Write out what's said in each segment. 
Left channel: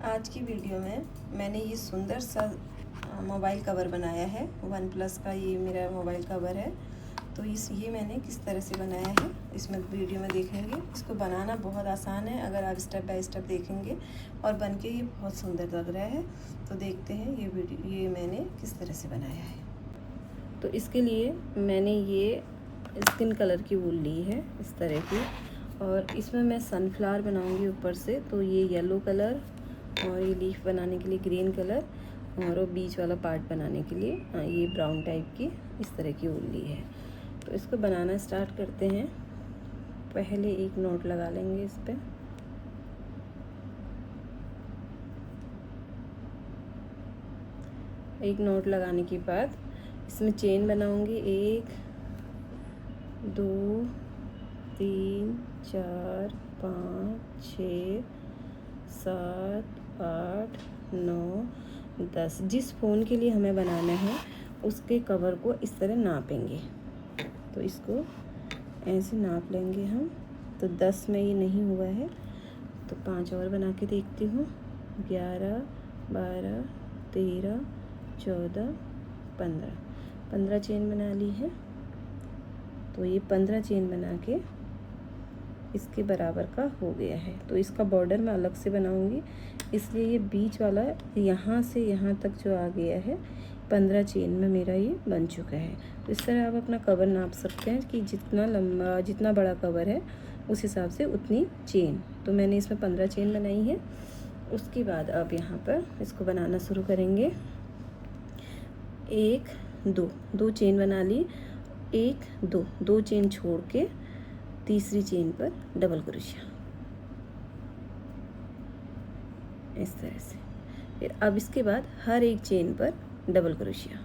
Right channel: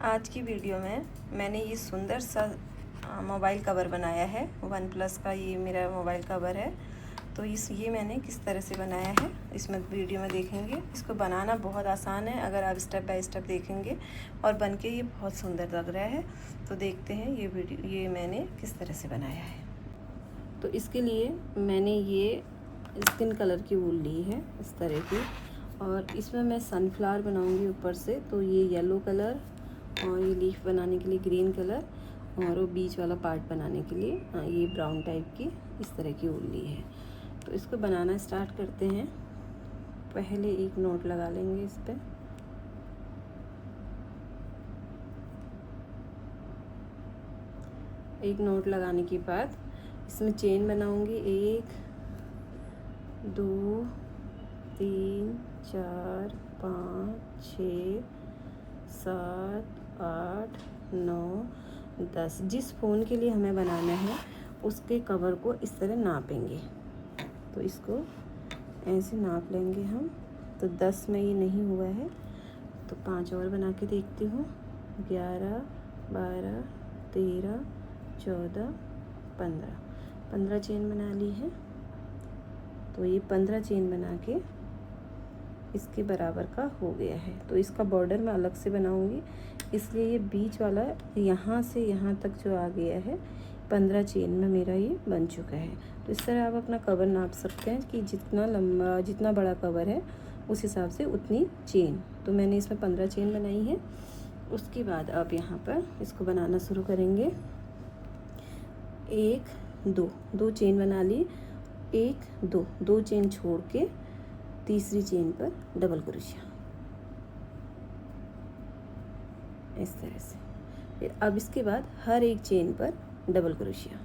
आज की वीडियो में मैंने ये सुंदर सा मोबाइल कवर बनाया है। वन प्लस का ये मेरा मोबाइल कवर है। तो ये मैंने किस तरह से बनाया है इसमें वीडियो में देखेंगे। इसको बनाना बहुत आसान है अगर आप स्टेप बाय स्टेप देखेंगे, और बनके ये बहुत सुंदर लग रहा है। तो देखते हैं ये मैंने किस तरह से बनाया है। तो इसके लिए मैंने ये स्किन कलर की वूल ली है इस तरह की, और इसमें मैं सनफ्लावर बनाऊंगी ऊपर से। तो ये येलो कलर, और ये लीफ बनाने के लिए ग्रीन कलर, और वो बीच वाला पार्ट बनाने के लिए ये ब्राउन टाइप की इस तरह की वूल ली है। तो इसको बनाना स्टार्ट करते हैं। पहले एक नोट लगा लेंगे इस पे। एक नोट लगाने के बाद इसमें चेन बनाऊंगी 1 2 3 4 5 6 7 8 9 10। जिस फ़ोन के लिए हमें बनाना है उसके कवर को इस तरह नापेंगे। तो इसको ऐसे नाप लेंगे हम। तो 10 में ये नहीं हुआ है तो 5 और बना के देखती हूँ। 11 12 13 14 15 चेन बना ली है। तो ये 15 चेन बना के इसके बराबर का हो गया है। तो इसका बॉर्डर मैं अलग से बनाऊंगी, इसलिए ये बीच वाला यहाँ से यहाँ तक जो आ गया है 15 चेन में मेरा ये बन चुका है। तो इस तरह आप अपना कवर नाप सकते हैं कि जितना लंबा जितना बड़ा कवर है उस हिसाब से उतनी चेन। तो मैंने इसमें 15 चेन बनाई है। उसके बाद अब यहाँ पर इसको बनाना शुरू करेंगे। 1 2 चेन बना ली। 1 2 चेन छोड़ के तीसरी चेन पर डबल क्रोशिया इस तरह से। फिर अब इसके बाद हर एक चेन पर डबल क्रोशिया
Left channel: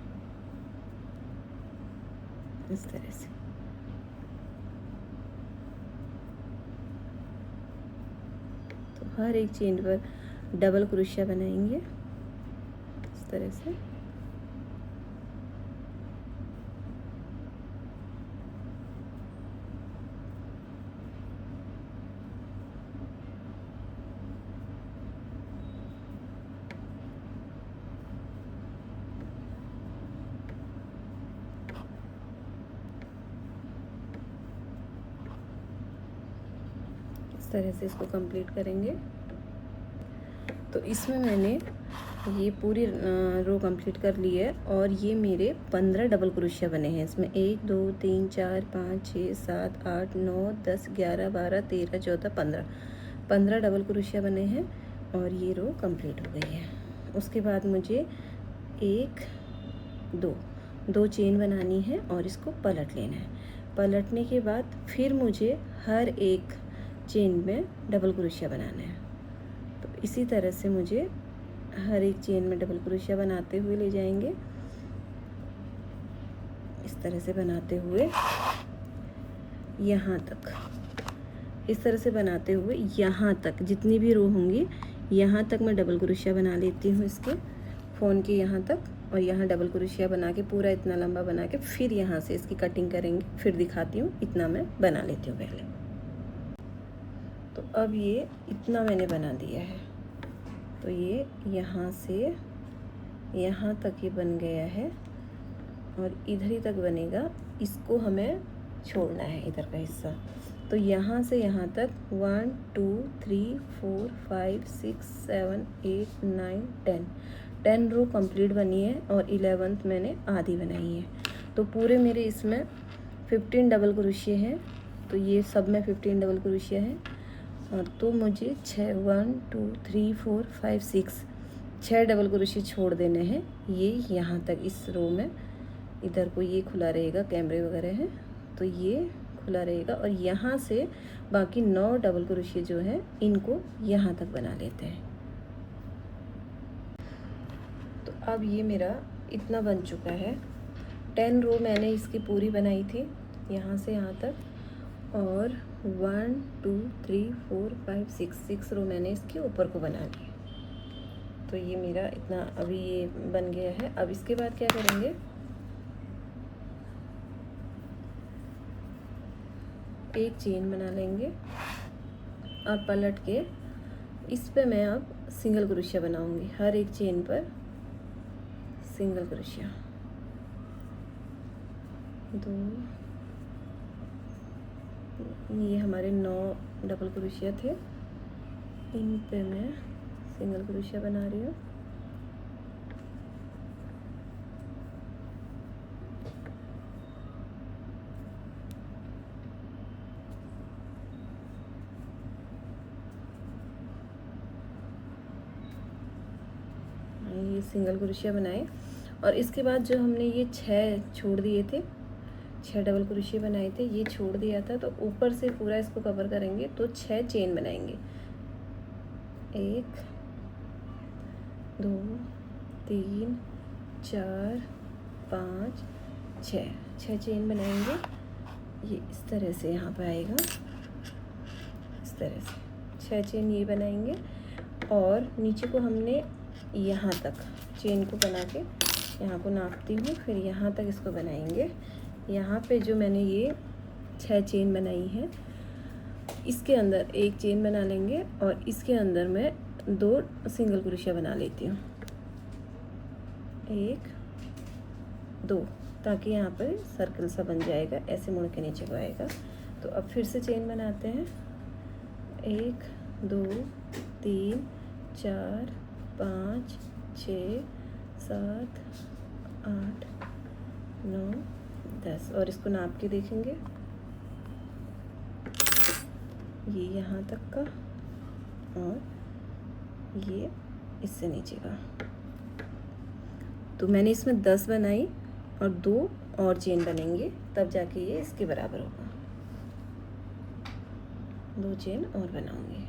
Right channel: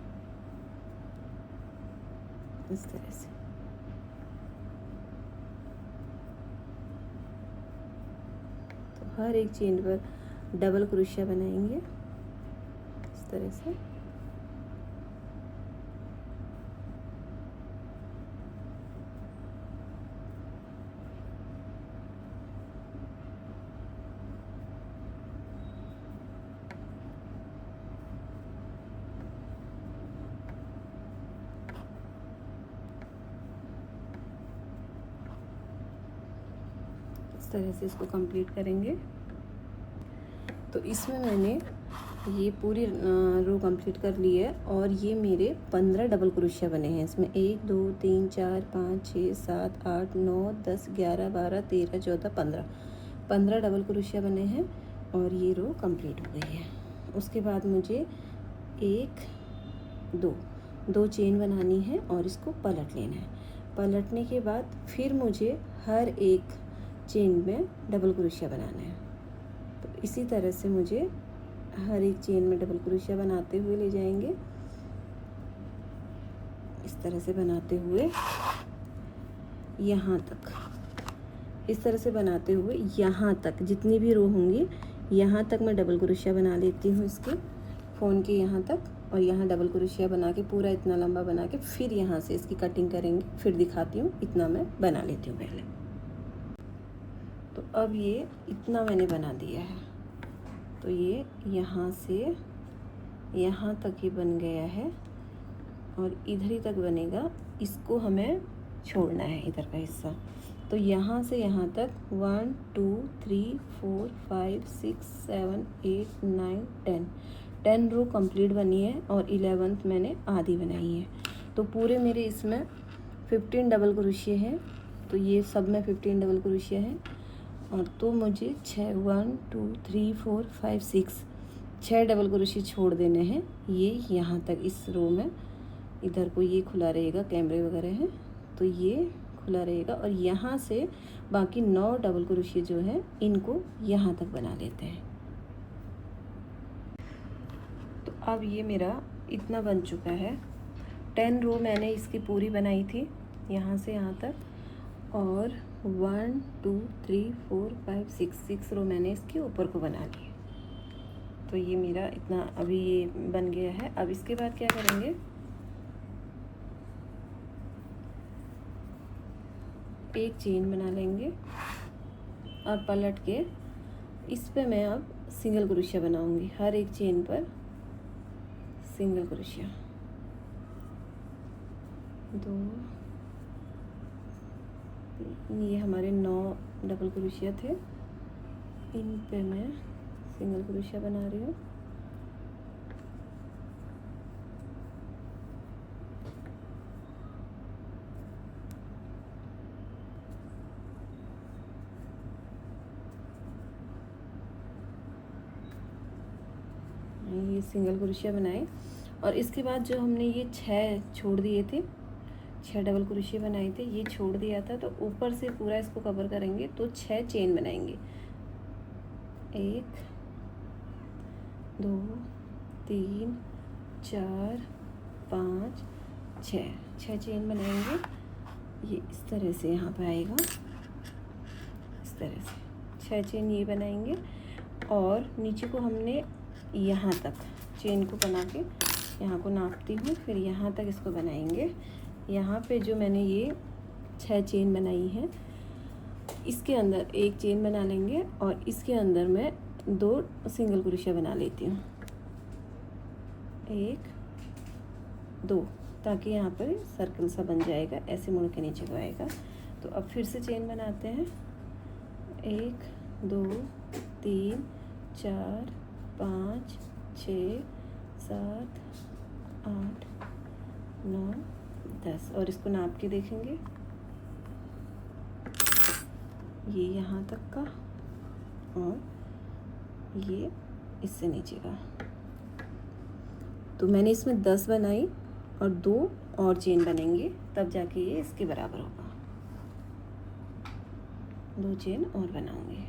इस तरह से। तो हर एक चेन पर डबल क्रोशिया बनाएंगे इस तरह से। तरह से इसको कंप्लीट करेंगे। तो इसमें मैंने ये पूरी रो कंप्लीट कर ली है, और ये मेरे 15 डबल क्रोशिया बने हैं इसमें। 1 2 3 4 5 6 7 8 9 10 11 12 13 14 15 डबल क्रोशिया बने हैं, और ये रो कंप्लीट हो गई है। उसके बाद मुझे 1 2 चेन बनानी है और इसको पलट लेना है। पलटने के बाद फिर मुझे हर एक चेन में डबल क्रोशिया बनाना है। तो इसी तरह से मुझे हर एक चेन में डबल क्रोशिया बनाते हुए ले जाएंगे। इस तरह से बनाते हुए यहाँ तक, इस तरह से बनाते हुए यहाँ तक जितनी भी रो होंगी यहाँ तक मैं डबल क्रोशिया बना लेती हूँ इसके फ़ोन के यहाँ तक। और यहाँ डबल क्रोशिया बना के पूरा इतना लंबा बना के फिर यहाँ से इसकी कटिंग करेंगे। फिर दिखाती हूँ। इतना मैं बना लेती हूँ पहले। तो अब ये इतना मैंने बना दिया है। तो ये यहाँ से यहाँ तक ये बन गया है, और इधर ही तक बनेगा। इसको हमें छोड़ना है इधर का हिस्सा। तो यहाँ से यहाँ तक 1 2 3 4 5 6 7 8 9 10 रो कंप्लीट बनी है, और 11th मैंने आधी बनाई है। तो पूरे मेरे इसमें 15 डबल क्रोशिया हैं। तो ये सब में 15 डबल क्रोशिया है। और तो मुझे 1 2 3 4 5 6 डबल क्रोशिया छोड़ देने हैं। ये यहाँ तक इस रो में, इधर को ये खुला रहेगा, कैमरे वगैरह हैं तो ये खुला रहेगा। और यहाँ से बाकी 9 डबल क्रोशिया जो है इनको यहाँ तक बना लेते हैं। तो अब ये मेरा इतना बन चुका है। 10 रो मैंने इसकी पूरी बनाई थी यहाँ से यहाँ तक, और 1 2 3 4 5 6 रो मैंने इसके ऊपर को बना ली। तो ये मेरा इतना अभी ये बन गया है। अब इसके बाद क्या करेंगे, एक चेन बना लेंगे और पलट के इस पे मैं अब सिंगल क्रोशिया बनाऊंगी, हर एक चेन पर सिंगल क्रोशिया। 2, ये हमारे 9 डबल क्रोशिया थे, इन पे मैं सिंगल क्रोशिया बना रही हूँ। ये सिंगल क्रोशिया बनाए और इसके बाद जो हमने ये 6 छोड़ दिए थे, 6 डबल क्रोशिया बनाए थे, ये छोड़ दिया था, तो ऊपर से पूरा इसको कवर करेंगे तो 6 चेन बनाएंगे। 1 2 3 4 5 6 चेन बनाएंगे। ये इस तरह से यहाँ पर आएगा, इस तरह से 6 चेन ये बनाएंगे और नीचे को हमने यहाँ तक चेन को बना के यहाँ को नापती हूँ, फिर यहाँ तक इसको बनाएंगे। यहाँ पे जो मैंने ये 6 चेन बनाई है, इसके अंदर एक चेन बना लेंगे और इसके अंदर मैं 2 सिंगल क्रोशिया बना लेती हूँ, 1 2, ताकि यहाँ पर सर्कल सा बन जाएगा, ऐसे मुड़ के नीचे को आएगा। तो अब फिर से चेन बनाते हैं, 1 2 3 4 5 6 7 8 9 10 और इसको नाप के देखेंगे, ये यहाँ तक का और ये इससे नीचे का। तो मैंने इसमें 10 बनाई और 2 और चेन बनेंगे, तब जाके ये इसके बराबर होगा। 2 चेन और बनाऊंगी,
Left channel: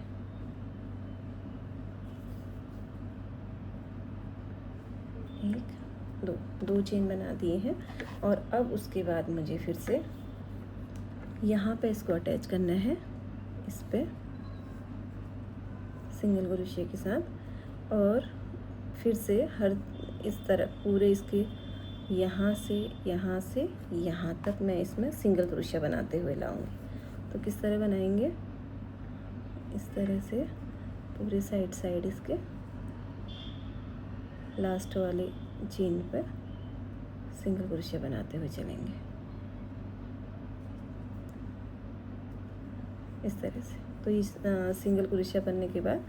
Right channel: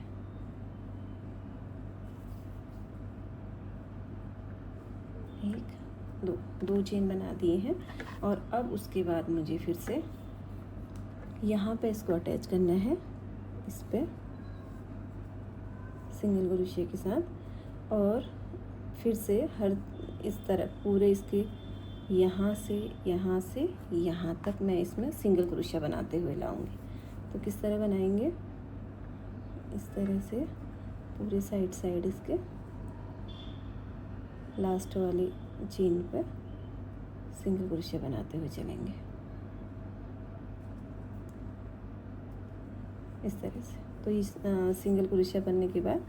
1 2 चेन बना दिए हैं। और अब उसके बाद मुझे फिर से यहाँ पे इसको अटैच करना है, इस पे सिंगल क्रोशिया के साथ, और फिर से हर इस तरह पूरे इसके यहाँ से यहाँ तक मैं इसमें सिंगल क्रोशिया बनाते हुए लाऊंगी। तो किस तरह बनाएंगे, इस तरह से पूरे साइड इसके लास्ट वाली चेन पर सिंगल क्रोशिया बनाते हुए चलेंगे, इस तरह से। तो इस सिंगल क्रोशिया बनने के बाद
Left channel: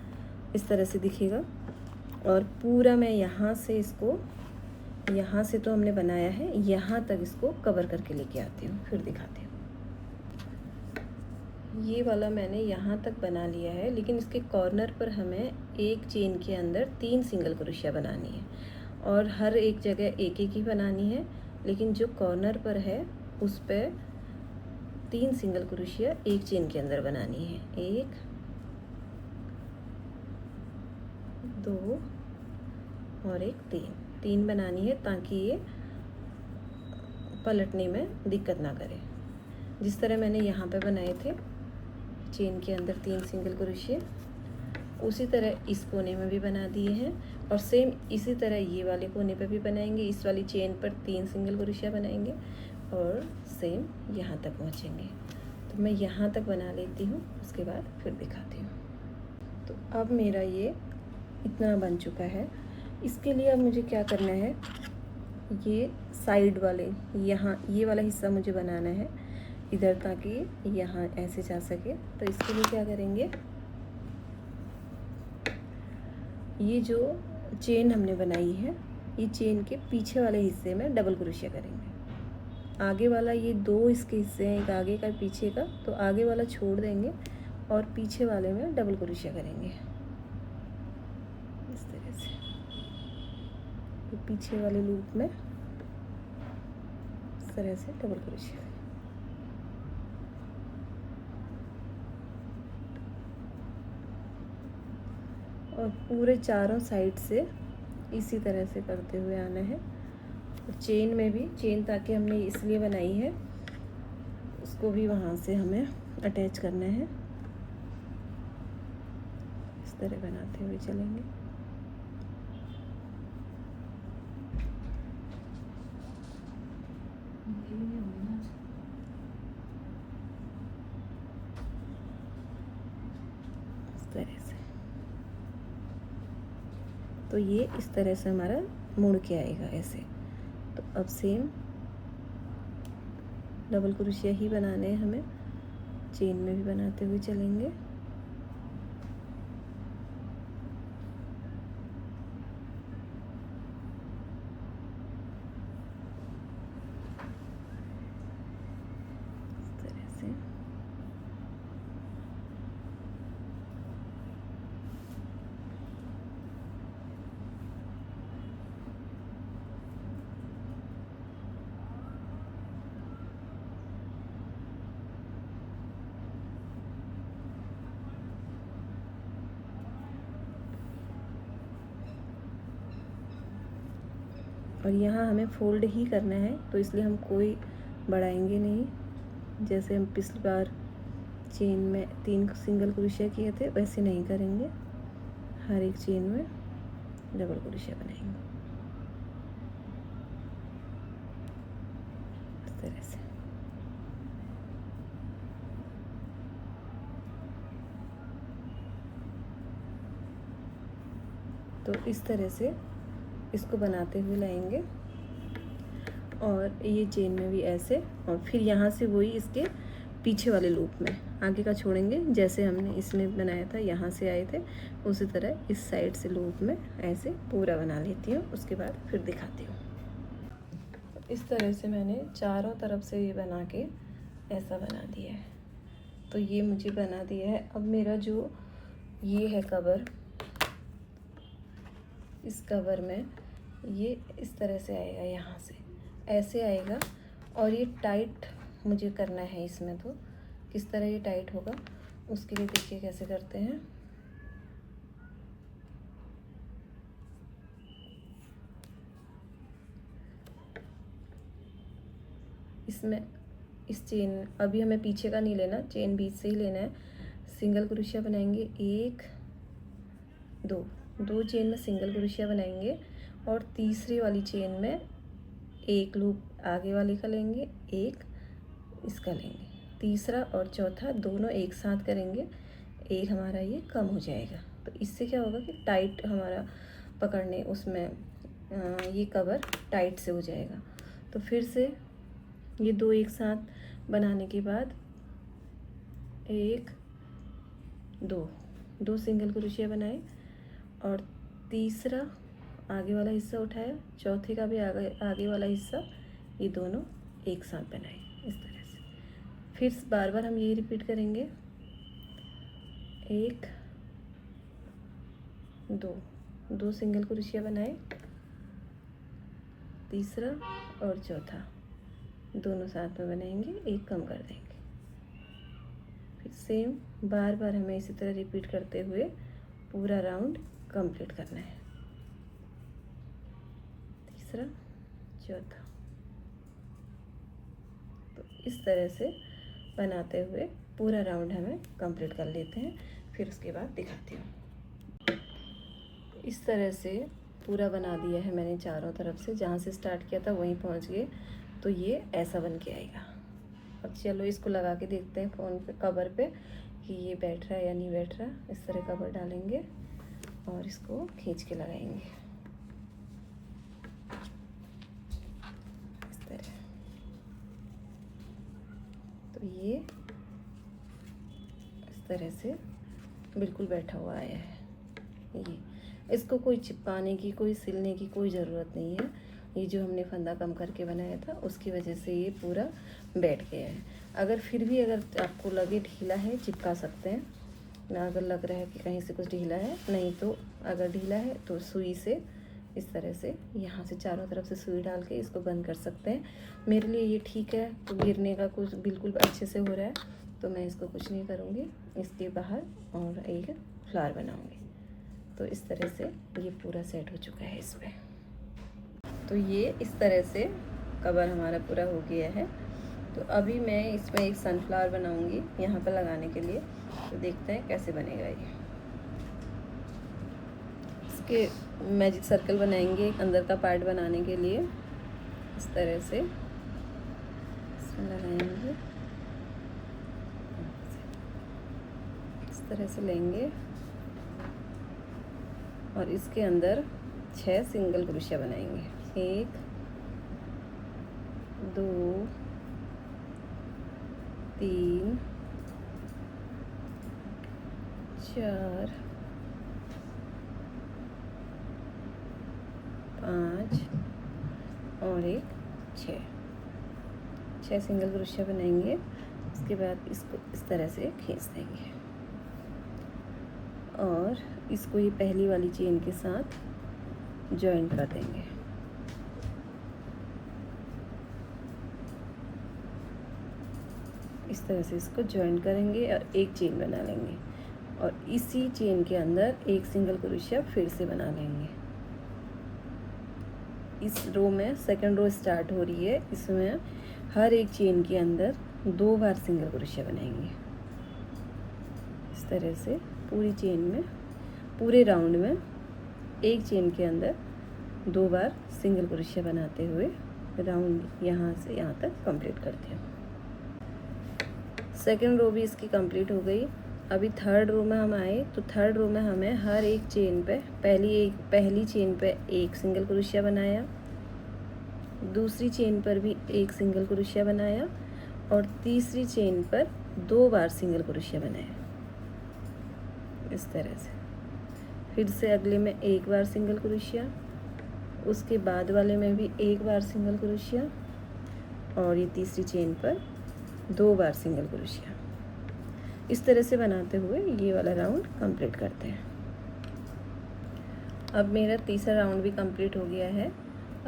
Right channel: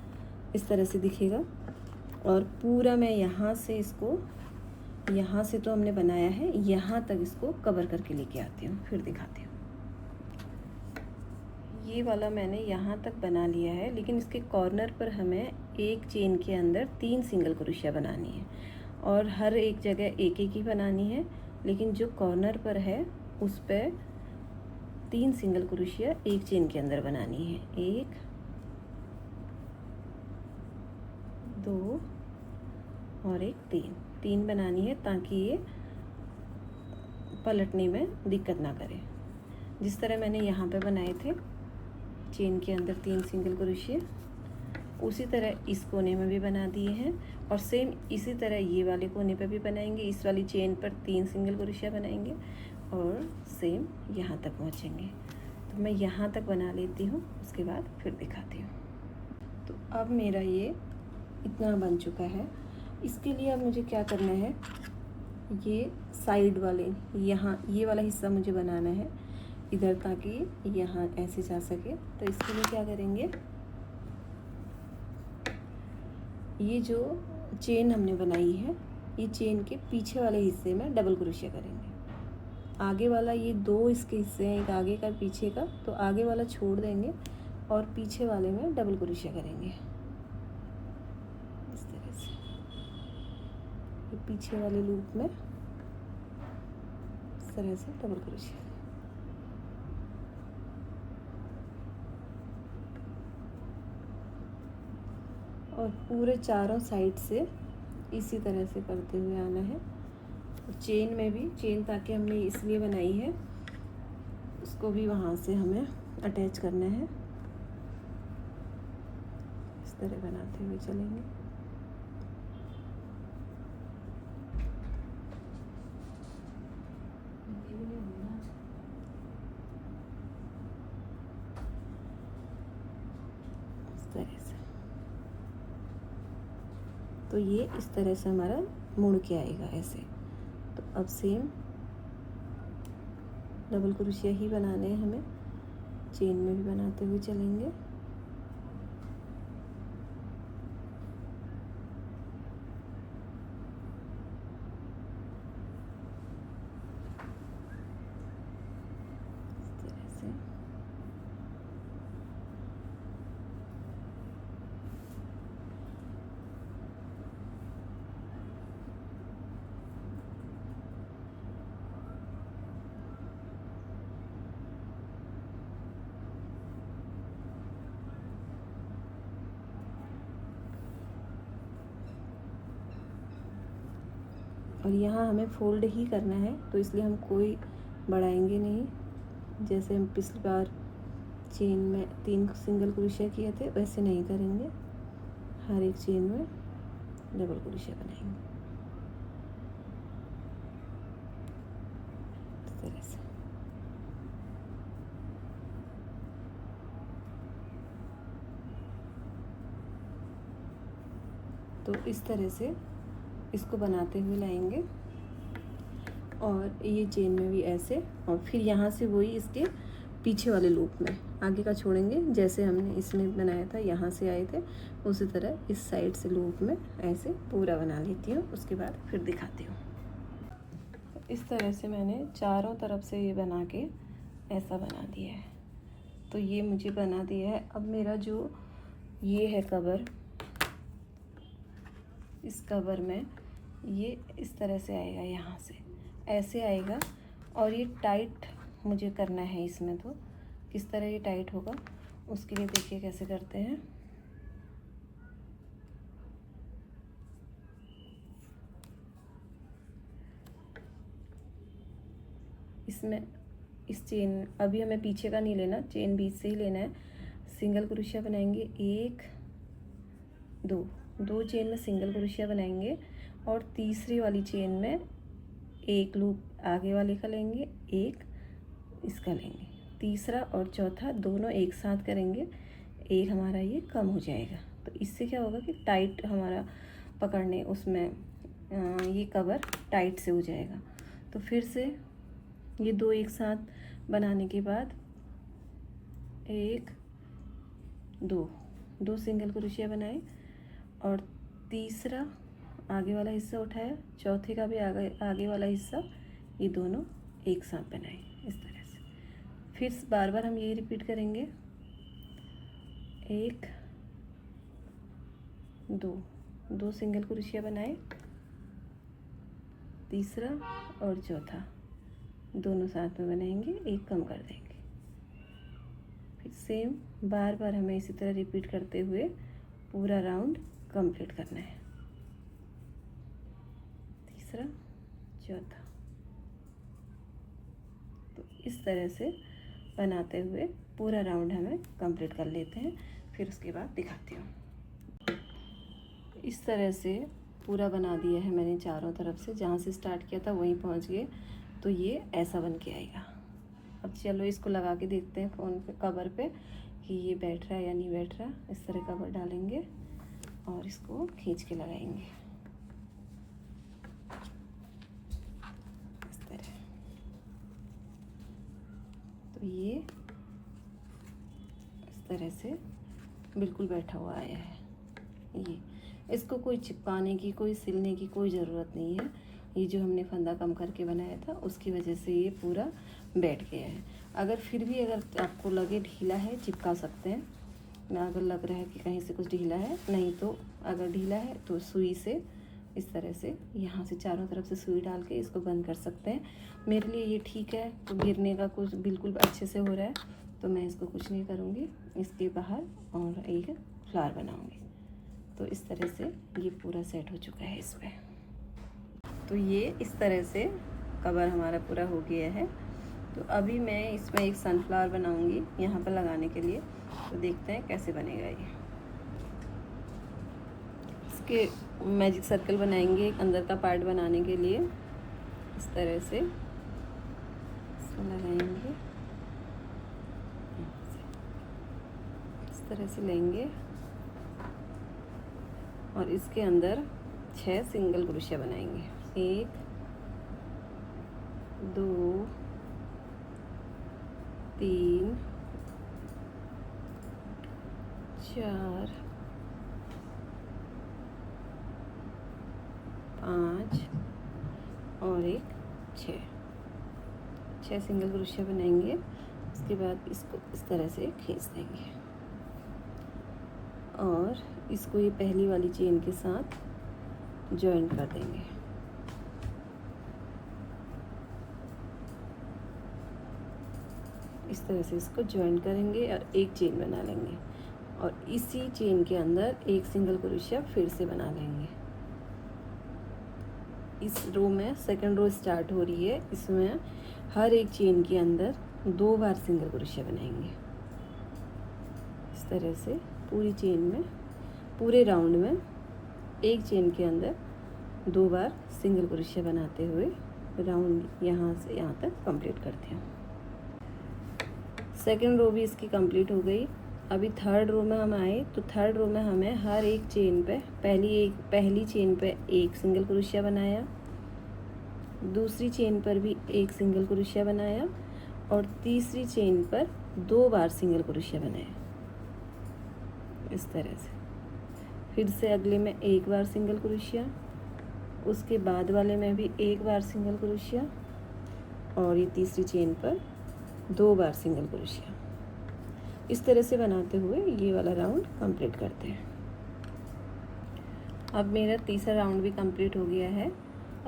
इस तरह से दिखेगा। और पूरा मैं यहाँ से इसको, यहाँ से तो हमने बनाया है, यहाँ तक इसको कवर करके लेके आती हूँ, फिर दिखाती हूँ। ये वाला मैंने यहाँ तक बना लिया है, लेकिन इसके कॉर्नर पर हमें एक चेन के अंदर 3 सिंगल क्रोशिया बनानी है और हर एक जगह एक ही बनानी है, लेकिन जो कॉर्नर पर है उस पर 3 सिंगल क्रोशिया एक चेन के अंदर बनानी है। 1 2 और एक 3 बनानी है, ताकि ये पलटने में दिक्कत ना करे। जिस तरह मैंने यहाँ पे बनाए थे चेन के अंदर 3 सिंगल क्रोशिया, उसी तरह इस कोने में भी बना दिए हैं और सेम इसी तरह ये वाले कोने पे भी बनाएंगे। इस वाली चेन पर 3 सिंगल क्रोशिया बनाएंगे और सेम यहाँ तक पहुँचेंगे। तो मैं यहाँ तक बना लेती हूँ, उसके बाद फिर दिखाती हूँ। तो अब मेरा ये इतना बन चुका है। इसके लिए अब मुझे क्या करना है, ये साइड वाले यहाँ ये वाला हिस्सा मुझे बनाना है इधर, ताकि यहाँ ऐसे जा सके। तो इसके लिए क्या करेंगे, ये जो चेन हमने बनाई है, ये चेन के पीछे वाले हिस्से में डबल क्रोशिया करेंगे। आगे वाला ये 2 इसके हिस्से हैं, एक आगे का पीछे का, तो आगे वाला छोड़ देंगे और पीछे वाले में डबल क्रोशिया करेंगे, इस तरह से। ये पीछे वाले लूप में इस तरह से डबल क्रोशिया। और पूरे चारों साइड से इसी तरह से करते हुए आना है। और चेन में भी, चेन ताकि हमने इसलिए बनाई है, उसको भी वहाँ से हमें अटैच करना है। इस तरह बनाते हुए चलेंगे। इस तरह से तो ये इस तरह से हमारा मुड़ के आएगा ऐसे। तो अब सेम डबल क्रोशिया ही बनाने हैं हमें, चेन में भी बनाते हुए चलेंगे। इस तरह से और यहाँ हमें फोल्ड ही करना है, तो इसलिए हम कोई बढ़ाएंगे नहीं। जैसे हम पिछली बार चेन में 3 सिंगल क्रोशिया किए थे वैसे नहीं करेंगे, हर एक चेन में डबल क्रोशिया बनाएंगे इस तरह से। तो इस तरह से इसको बनाते हुए लाएंगे और ये चेन में भी ऐसे, और फिर यहाँ से वही इसके पीछे वाले लूप में आगे का छोड़ेंगे, जैसे हमने इसमें बनाया था यहाँ से आए थे उसी तरह इस साइड से लूप में ऐसे पूरा बना लेती हूँ। उसके बाद फिर दिखाती हूँ। इस तरह से मैंने चारों तरफ से ये बना के ऐसा बना दिया है। तो ये मुझे बना दिया है। अब मेरा जो ये है कवर, इस कवर में ये इस तरह से आएगा, यहाँ से ऐसे आएगा और ये टाइट मुझे करना है इसमें। तो किस तरह ये टाइट होगा उसके लिए देखिए कैसे करते हैं। इसमें इस चेन अभी हमें पीछे का नहीं लेना, चेन बीच से ही लेना है। सिंगल क्रोशिया बनाएंगे, 1 2 चेन में सिंगल क्रोशिया बनाएंगे और तीसरी वाली चेन में एक लूप आगे वाले का लेंगे, एक इसका लेंगे, तीसरा और चौथा दोनों एक साथ करेंगे, एक हमारा ये कम हो जाएगा। तो इससे क्या होगा कि टाइट हमारा पकड़ने उसमें ये कवर टाइट से हो जाएगा। तो फिर से ये 2 एक साथ बनाने के बाद 1 2 सिंगल क्रोशिया बनाए और तीसरा आगे वाला हिस्सा उठाया, चौथे का भी आगे वाला हिस्सा, ये दोनों एक साथ बनाए इस तरह से। फिर बार बार हम यही रिपीट करेंगे, 1 2 सिंगल क्रोशिया बनाए, तीसरा और चौथा दोनों साथ में बनाएंगे, एक कम कर देंगे। फिर सेम बार बार हमें इसी तरह रिपीट करते हुए पूरा राउंड कंप्लीट करना है, तीसरा चौथा। तो इस तरह से बनाते हुए पूरा राउंड हमें कंप्लीट कर लेते हैं। फिर उसके बाद दिखाती हूँ। इस तरह से पूरा बना दिया है मैंने चारों तरफ से, जहाँ से स्टार्ट किया था वहीं पहुँच गए। तो ये ऐसा बन के आएगा। अब चलो इसको लगा के देखते हैं फ़ोन पे कवर पे कि ये बैठ रहा है या नहीं बैठ रहा। इस तरह कवर डालेंगे और इसको खींच के लगाएंगे इस तरह। तो ये इस तरह से बिल्कुल बैठा हुआ आया है। ये इसको कोई चिपकाने की, कोई सिलने की कोई ज़रूरत नहीं है। ये जो हमने फंदा कम करके बनाया था उसकी वजह से ये पूरा बैठ गया है। अगर फिर भी अगर आपको लगे ढीला है, चिपका सकते हैं ना। अगर लग रहा है कि कहीं से कुछ ढीला है, नहीं तो अगर ढीला है तो सुई से इस तरह से यहाँ से चारों तरफ से सुई डाल के इसको बंद कर सकते हैं। मेरे लिए ये ठीक है, तो गिरने का कुछ बिल्कुल अच्छे से हो रहा है तो मैं इसको कुछ नहीं करूँगी। इसके बाहर और एक फ्लावर बनाऊँगी। तो इस तरह से ये पूरा सेट हो चुका है इसमें। तो ये इस तरह से कवर हमारा पूरा हो गया है। तो अभी मैं इसमें एक सनफ्लावर बनाऊंगी यहाँ पर लगाने के लिए। तो देखते हैं कैसे बनेगा ये। इसके मैजिक सर्कल बनाएंगे अंदर का पार्ट बनाने के लिए। इस तरह से इसमें लगाएंगे, इस तरह से लेंगे और इसके अंदर 6 सिंगल क्रोशिया बनाएंगे। 1 2 3 4 5 और एक 6 सिंगल क्रोशिया बनाएंगे। उसके बाद इसको इस तरह से खींच देंगे और इसको ये पहली वाली चेन के साथ जॉइन कर देंगे। इस तरह से इसको जॉइन करेंगे और एक चेन बना लेंगे और इसी चेन के अंदर एक सिंगल क्रोशिया फिर से बना लेंगे। इस रो में सेकंड रो स्टार्ट हो रही है, इसमें हर एक चेन के अंदर 2 बार सिंगल क्रोशिया बनाएंगे। इस तरह से पूरी चेन में, पूरे राउंड में एक चेन के अंदर 2 बार सिंगल क्रोशिया बनाते हुए राउंड यहाँ से यहाँ तक कंप्लीट करते हैं। सेकंड रो भी इसकी कंप्लीट हो गई। अभी थर्ड रो में हम आए तो थर्ड रो में हमें हर एक चेन पे पहली चेन पे एक सिंगल क्रोशिया बनाया, दूसरी चेन पर भी एक सिंगल क्रोशिया बनाया और तीसरी चेन पर 2 बार सिंगल क्रोशिया बनाया। इस तरह से फिर से अगले में 1 बार सिंगल क्रोशिया, उसके बाद वाले में भी 1 बार सिंगल क्रोशिया और ये तीसरी चेन पर 2 बार सिंगल क्रोशिया। इस तरह से बनाते हुए ये वाला राउंड कंप्लीट करते हैं। अब मेरा तीसरा राउंड भी कंप्लीट हो गया है।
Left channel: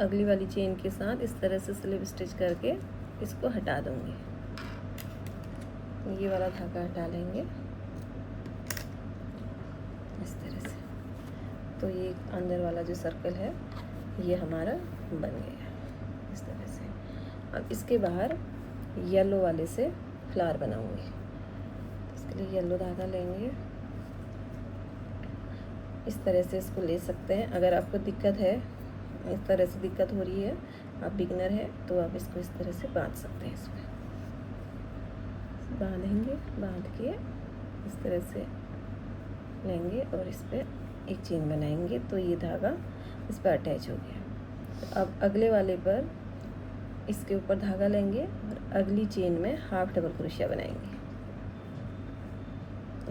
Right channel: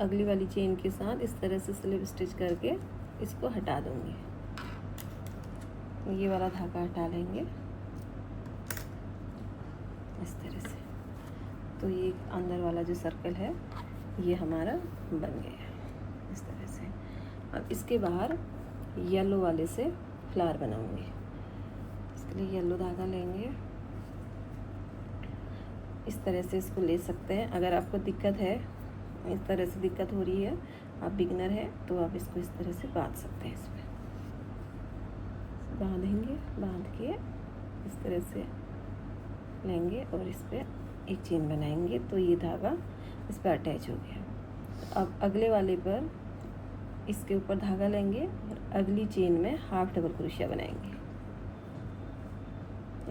अगली वाली चेन के साथ इस तरह से स्लिप स्टिच करके इसको हटा दूंगी। ये वाला धागा हटा लेंगे इस तरह से। तो ये अंदर वाला जो सर्कल है ये हमारा बन गया इस तरह से। अब इसके बाहर येलो वाले से फ्लावर बनाऊंगी। इसके लिए येलो धागा लेंगे, इस तरह से इसको ले सकते हैं। अगर आपको दिक्कत है, इस तरह से दिक्कत हो रही है, आप बिगनर है तो आप इसको इस तरह से बांध सकते हैं। इसमें बांधेंगे, बांध के इस तरह से लेंगे और इस पर एक चेन बनाएंगे तो ये धागा इस पर अटैच हो गया। अब अगले वाले पर इसके ऊपर धागा लेंगे और अगली चेन में हाफ डबल क्रोशिया बनाएंगे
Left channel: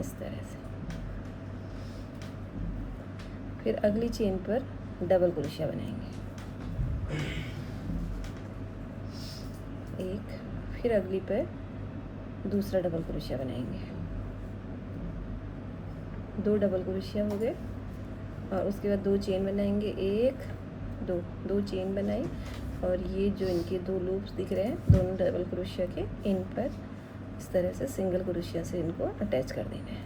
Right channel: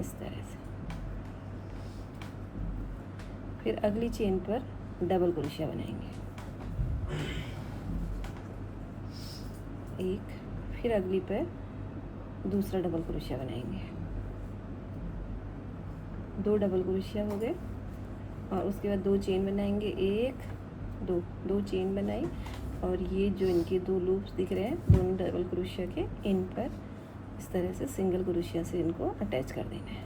इस तरह से। फिर अगली चेन पर डबल क्रोशिया बनाएंगे एक, फिर अगली पर दूसरा डबल क्रोशिया बनाएंगे, 2 डबल क्रोशिया हो गए और उसके बाद 2 चेन बनाएंगे, 1 2 चेन बनाई और ये जो इनके 2 लूप्स दिख रहे हैं दोनों डबल क्रोशिया के, इन पर इस तरह से सिंगल क्रोशिया से इनको अटैच कर देना है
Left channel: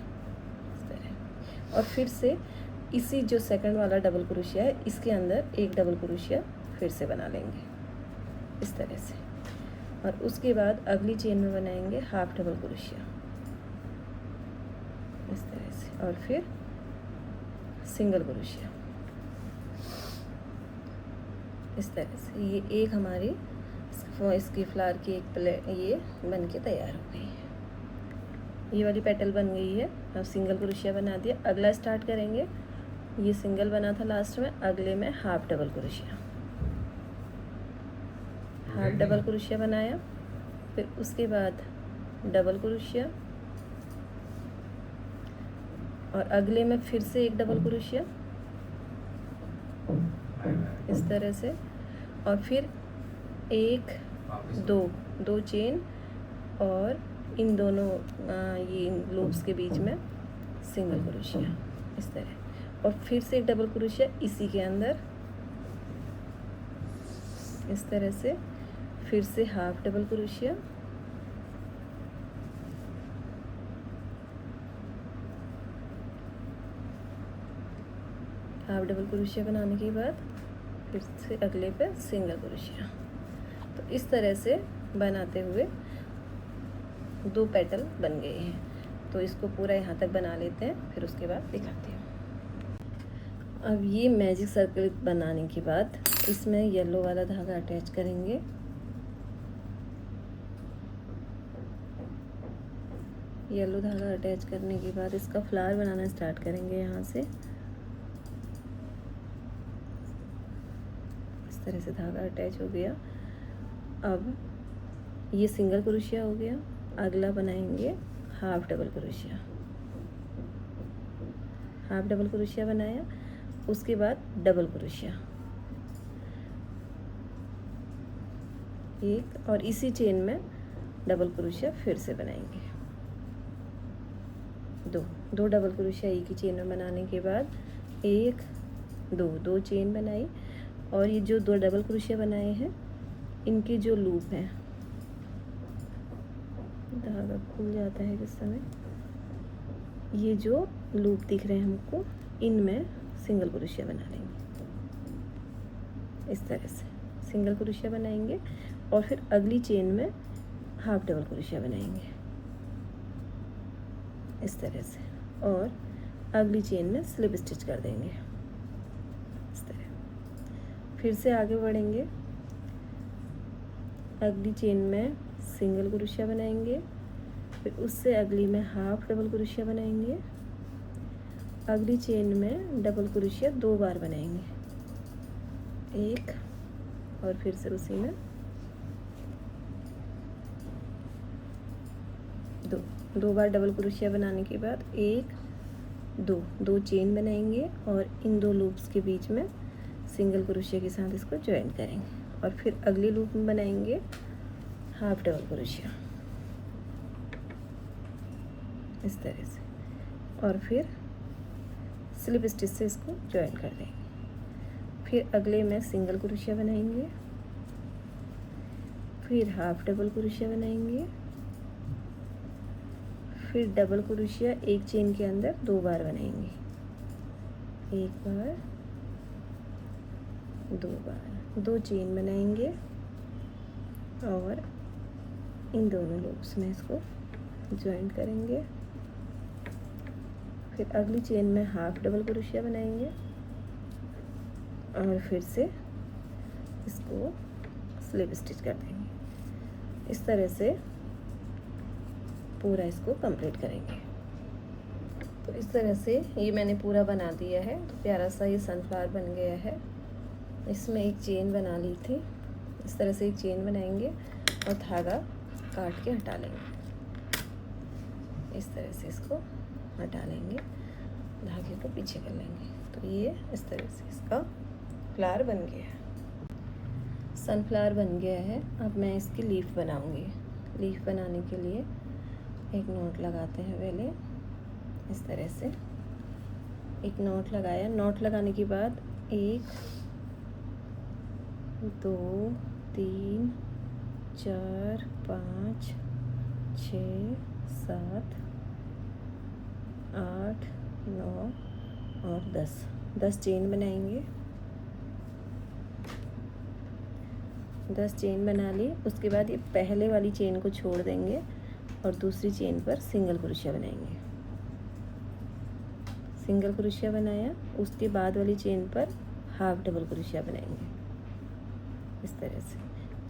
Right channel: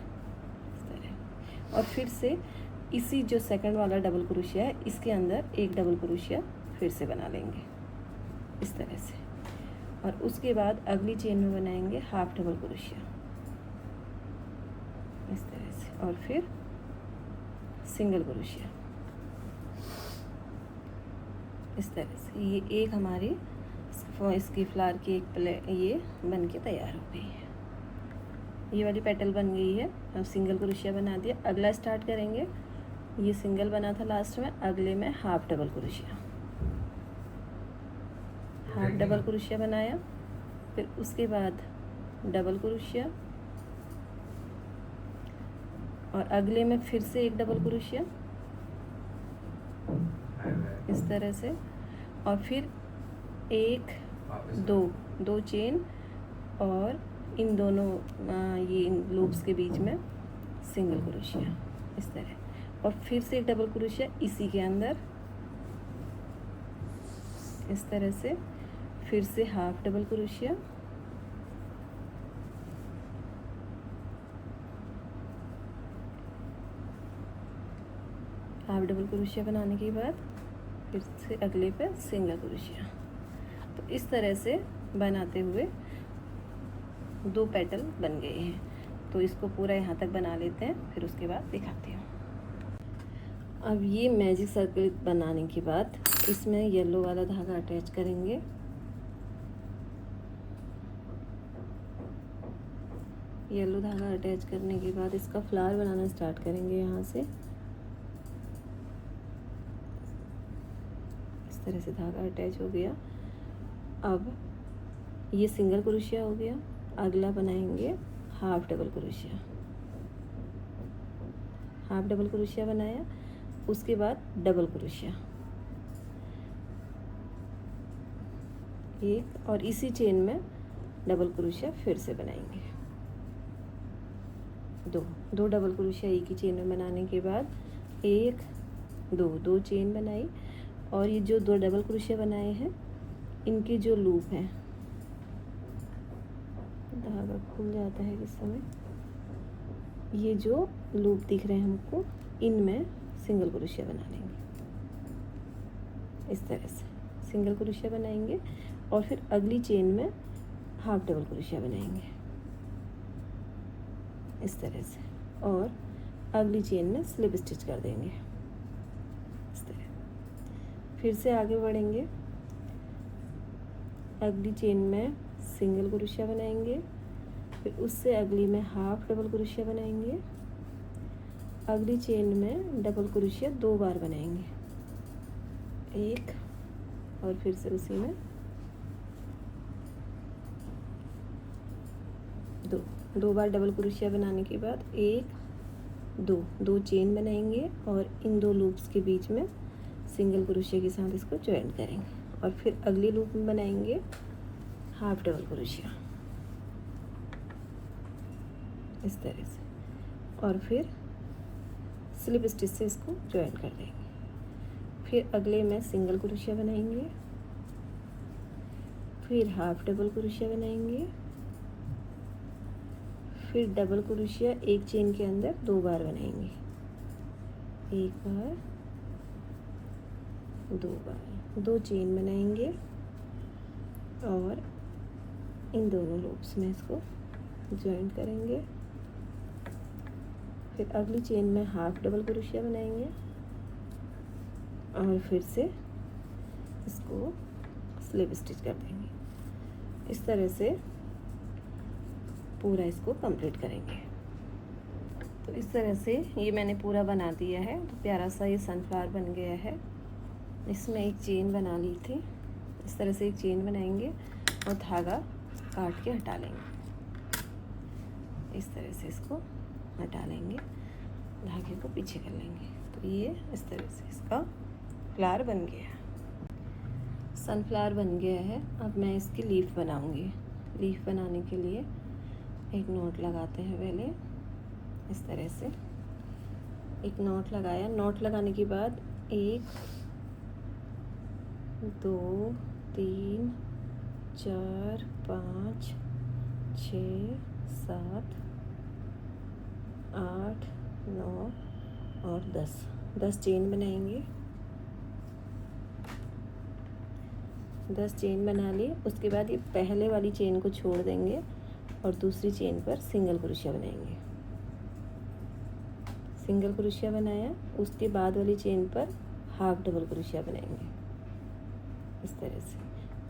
इस तरह। और फिर से इसी जो सेकंड वाला डबल क्रोशिया है इसके अंदर एक डबल क्रोशिया फिर से बना लेंगे इस तरह से। और उसके बाद अगली चेन में बनाएंगे हाफ डबल क्रोशिया इस तरह से और फिर सिंगल क्रोशिया इस तरह से। ये एक हमारी इसकी फ्लावर की एक ये बन के तैयार हो गई है। ये वाली पेटल बन गई है। अब सिंगल क्रोशिया बना दिया। अगला स्टार्ट करेंगे। ये सिंगल बना था लास्ट में, अगले में half double crochet, half double crochet बनाया, फिर उसके बाद डबल क्रोशिया और अगले में फिर से एक डबल क्रोशिया इस तरह से और फिर 1 2 चेन और इन दोनों ये लूप्स के बीच में सिंगल क्रोशिया इस तरह और फिर से एक डबल क्रोशिया इसी के अंदर इस तरह से, फिर से half double crochet half double crochet बनाने के बाद फिर से अगले पे सिंगल क्रोशिया। तो इस तरह से बनाते हुए 2 पेटल बन गए हैं। तो इसको पूरा यहाँ तक बना लेते हैं, फिर उसके बाद दिखाती हूँ। अब ये मैजिक सर्कल बनाने के बाद इसमें येलो वाला धागा अटैच करेंगे। येलो धागा अटैच करने के बाद इसका फ्लावर बनाना स्टार्ट करेंगे यहाँ से। तरह से धागा अटैच हो गया। अब ये सिंगल क्रोशिया हो गया। अगला बनाएंगे half double crochet. Half double crochet बनाया, उसके बाद डबल क्रोशिया एक, और इसी चेन में डबल क्रोशिया फिर से बनाएंगे। दो डबल क्रोशिया एक ही चेन में बनाने के बाद एक, दो चेन बनाई, और ये जो दो डबल क्रोशिया बनाए हैं इनके जो लूप हैं, धागा खुल जाता है किस समय, ये जो लूप दिख रहे हैं हमको, इनमें सिंगल क्रोशिया बना लेंगे। इस तरह से सिंगल क्रोशिया बनाएंगे और फिर अगली चेन में हाफ डबल क्रोशिया बनाएंगे इस तरह से, और अगली चेन में स्लिप स्टिच कर देंगे इस तरह। फिर से आगे बढ़ेंगे, अगली चेन में सिंगल क्रोशिया बनाएंगे, फिर उससे अगली में हाफ डबल क्रोशिया बनाएंगे, अगली चेन में डबल क्रोशिया 2 बार बनाएंगे, एक, और फिर से उसी में दो बार डबल क्रोशिया बनाने के बाद एक, दो चेन बनाएंगे और इन दो लूप्स के बीच में सिंगल क्रोशिया के साथ इसको ज्वाइन करेंगे, और फिर अगली लूप में बनाएंगे हाफ डबल क्रोशिया इस तरह से, और फिर स्लिप स्टिच से इसको ज्वाइन कर देंगे। फिर अगले में सिंगल क्रोशिया बनाएंगे, फिर हाफ डबल क्रोशिया बनाएंगे, फिर डबल क्रोशिया एक चेन के अंदर 2 बार बनाएंगे, एक बार, 2 बार, 2 चेन बनाएंगे और इन दोनों लूप्स में इसको ज्वाइन करेंगे। फिर अगली चेन में हाफ डबल क्रोशिया बनाएंगे और फिर से इसको स्लिप स्टिच कर देंगे। इस तरह से पूरा इसको कंप्लीट करेंगे। तो इस तरह से ये मैंने पूरा बना दिया है। तो प्यारा सा ये सनफ्लावर बन गया है। इसमें एक चेन बना ली थी, इस तरह से एक चेन बनाएंगे और धागा काट के हटा लेंगे। इस तरह से इसको हटा लेंगे, धागे को पीछे कर लेंगे। तो ये इस तरह से इसका फ्लावर बन गया है, सनफ्लावर बन गया है। अब मैं इसकी लीफ बनाऊंगी। लीफ बनाने के लिए एक नॉट लगाते हैं पहले, इस तरह से एक नॉट लगाया। नॉट लगाने के बाद 1 2 3 4 5 6 7 8 9 और 10 चेन बनाएंगे। 10 चेन बना ली। उसके बाद ये पहले वाली चेन को छोड़ देंगे और दूसरी चेन पर सिंगल क्रोशिया बनाएंगे। सिंगल क्रोशिया बनाया, उसके बाद वाली चेन पर हाफ डबल क्रोशिया बनाएंगे इस तरह से,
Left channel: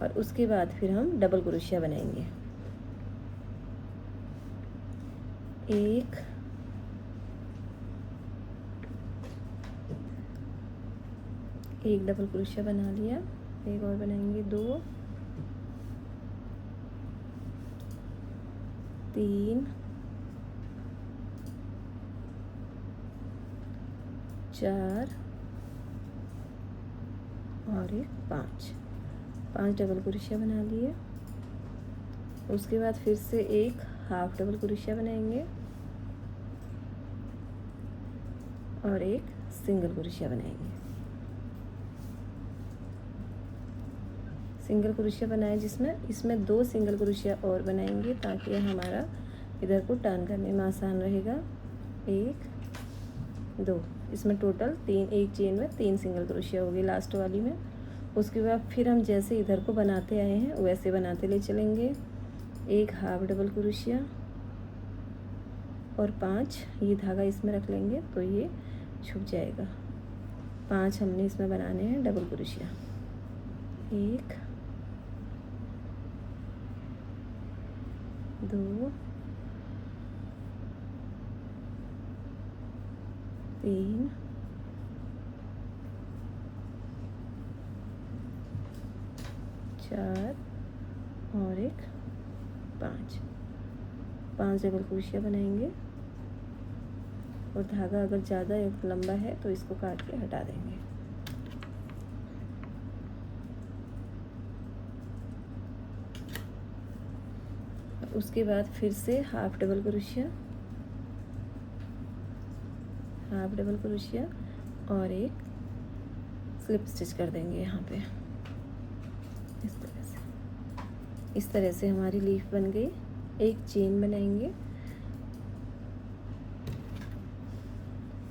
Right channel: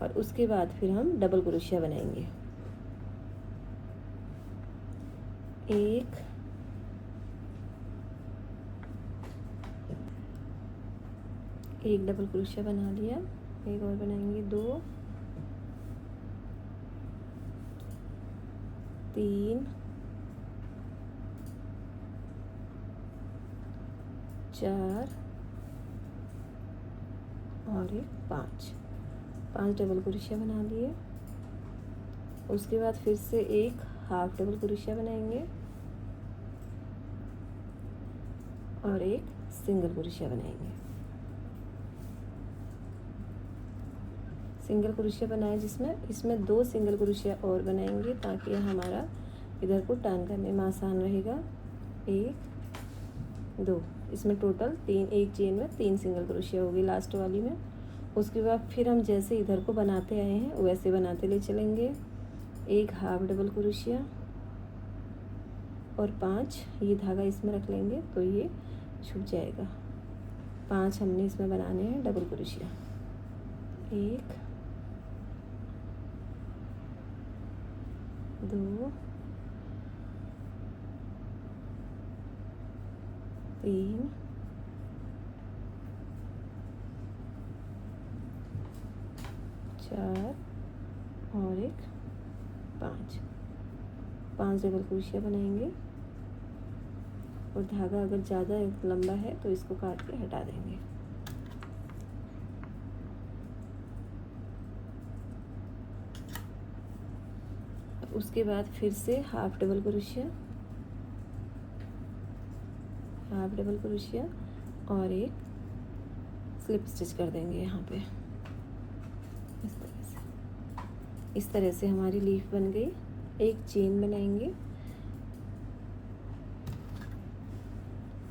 और उसके बाद फिर हम डबल क्रोशिया बनाएंगे। एक डबल क्रोशिया बना लिया, एक और बनाएंगे, 2 3 4 और एक 5 डबल क्रोशिया बना लिए। उसके बाद फिर से एक हाफ डबल क्रोशिया बनाएंगे और एक सिंगल क्रोशिया बनाएंगे। सिंगल क्रोशिया बनाए जिसमें इसमें 2 सिंगल क्रोशिया और बनाएंगे ताकि हमारा इधर को टर्न करने में आसान रहेगा। 1 2, इसमें टोटल 3, एक चेन में 3 सिंगल क्रोशिया होगी लास्ट वाली में। उसके बाद फिर हम जैसे इधर को बनाते आए हैं वैसे बनाते ले चलेंगे। एक हाफ डबल क्रोशिया और 5, ये धागा इसमें रख लेंगे तो ये छूट जाएगा। 5 हमने इसमें बनाने हैं डबल क्रोशिया। 1 2 3 4 और एक 5 डबल क्रोशिया बनाएंगे। और धागा अगर ज़्यादा लंबा है तो इसको काट के हटा देंगे। उसके बाद फिर से हाफ डबल क्रोशिया और एक स्लिप स्टिच कर देंगे यहाँ पे। इस तरह से हमारी लीफ बन गई। एक चेन बनाएंगे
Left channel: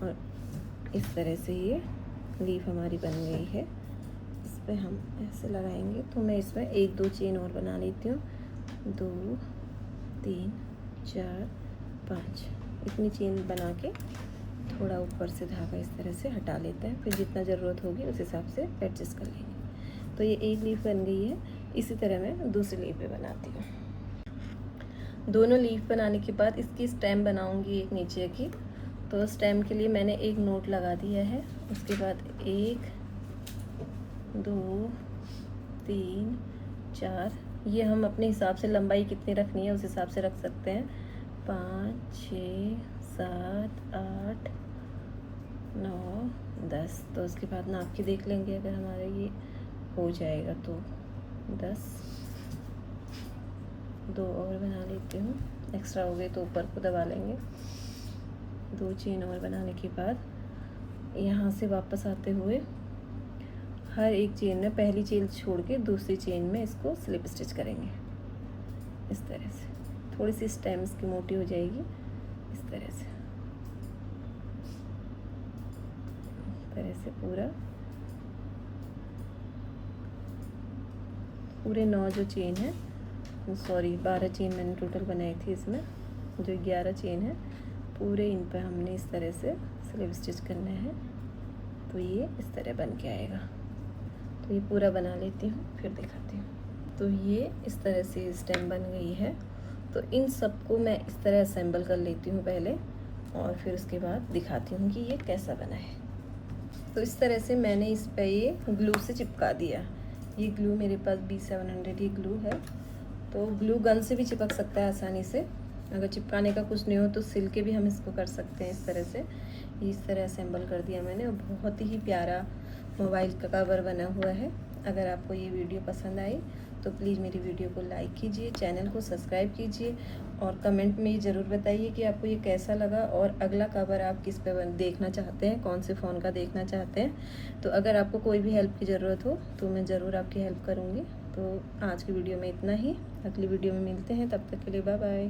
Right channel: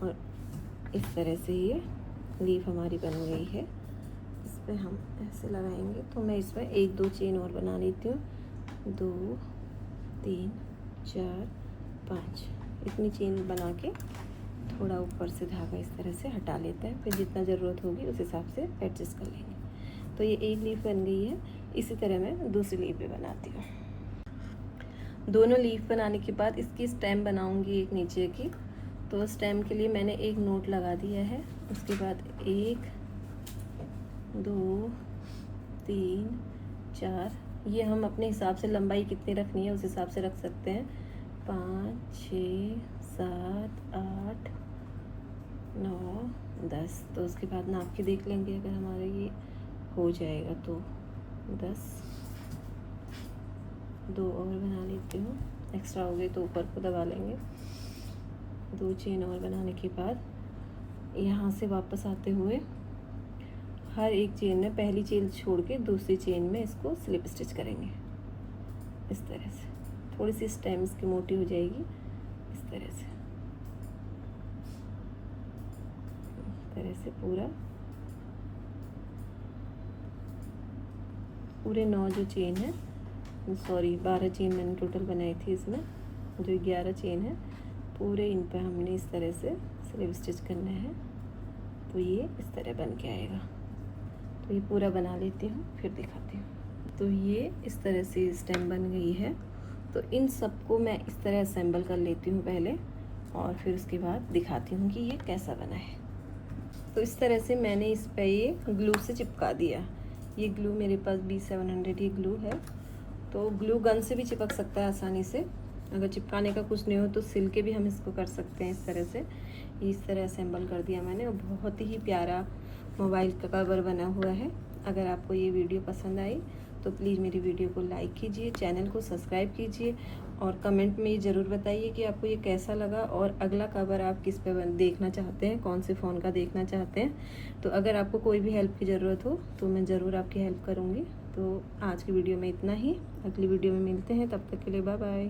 और इस तरह से ये लीफ हमारी बन गई है। इस पर हम ऐसे लगाएंगे। तो मैं इसमें 1-2 चेन और बना लेती हूँ। 2 3 4 5 इतनी चेन बना के थोड़ा ऊपर से धागा इस तरह से हटा लेते हैं। फिर जितना ज़रूरत होगी उस हिसाब से एडजस्ट कर लेंगे। तो ये एक लीफ बन गई है। इसी तरह मैं दूसरी लीफ भी बनाती हूँ। दोनों लीफ बनाने के बाद इसकी स्टेम बनाऊंगी एक नीचे की। तो स्टेम के लिए मैंने एक नोट लगा दिया है। उसके बाद 1 2 3 4 ये हम अपने हिसाब से लंबाई कितनी रखनी है उस हिसाब से रख सकते हैं। 5 6 7 8 9 10। तो उसके बाद नाप के देख लेंगे। अगर हमारा ये हो जाएगा तो 10। 2 और बना लेती हूँ। एक्स्ट्रा हो गए तो ऊपर को दबा लेंगे। 2 चेन और बनाने के बाद यहाँ से वापस आते हुए हर एक चेन में पहली चेन छोड़ के दूसरी चेन में इसको स्लिप स्टिच करेंगे। इस तरह से थोड़ी सी स्टेम इसकी मोटी हो जाएगी। इस तरह से पूरे 9 जो चेन है, सॉरी 12 चेन मैंने टोटल बनाई थी। इसमें जो 11 चेन है पूरे इन पर हमने इस तरह से स्लिप स्टिच करना है। तो ये इस तरह बन के आएगा। तो ये पूरा बना लेती हूँ फिर दिखाती हूँ। तो ये इस तरह से स्टेम बन गई है। तो इन सबको मैं इस तरह असेंबल कर लेती हूँ पहले और फिर उसके बाद दिखाती हूँ कि ये कैसा बना है। तो इस तरह से मैंने इस पर ये ग्लू से चिपका दिया। ये ग्लू मेरे पास B700 ये ग्लू है। तो ग्लू गन से भी चिपक सकता है आसानी से। अगर चिपकाने का कुछ नहीं हो तो सिल के भी हम इसको कर सकते हैं। इस तरह से इस तरह असेंबल कर दिया मैंने और बहुत ही प्यारा मोबाइल का कवर बना हुआ है। अगर आपको ये वीडियो पसंद आई तो प्लीज़ मेरी वीडियो को लाइक कीजिए, चैनल को सब्सक्राइब कीजिए और कमेंट में ज़रूर बताइए कि आपको ये कैसा लगा और अगला कवर आप किस पे देखना चाहते हैं, कौन से फ़ोन का देखना चाहते हैं। तो अगर आपको कोई भी हेल्प की ज़रूरत हो तो मैं ज़रूर आपकी हेल्प करूँगी। तो आज की वीडियो में इतना ही। अगली वीडियो में मिलते हैं, तब तक के लिए बाय बाय।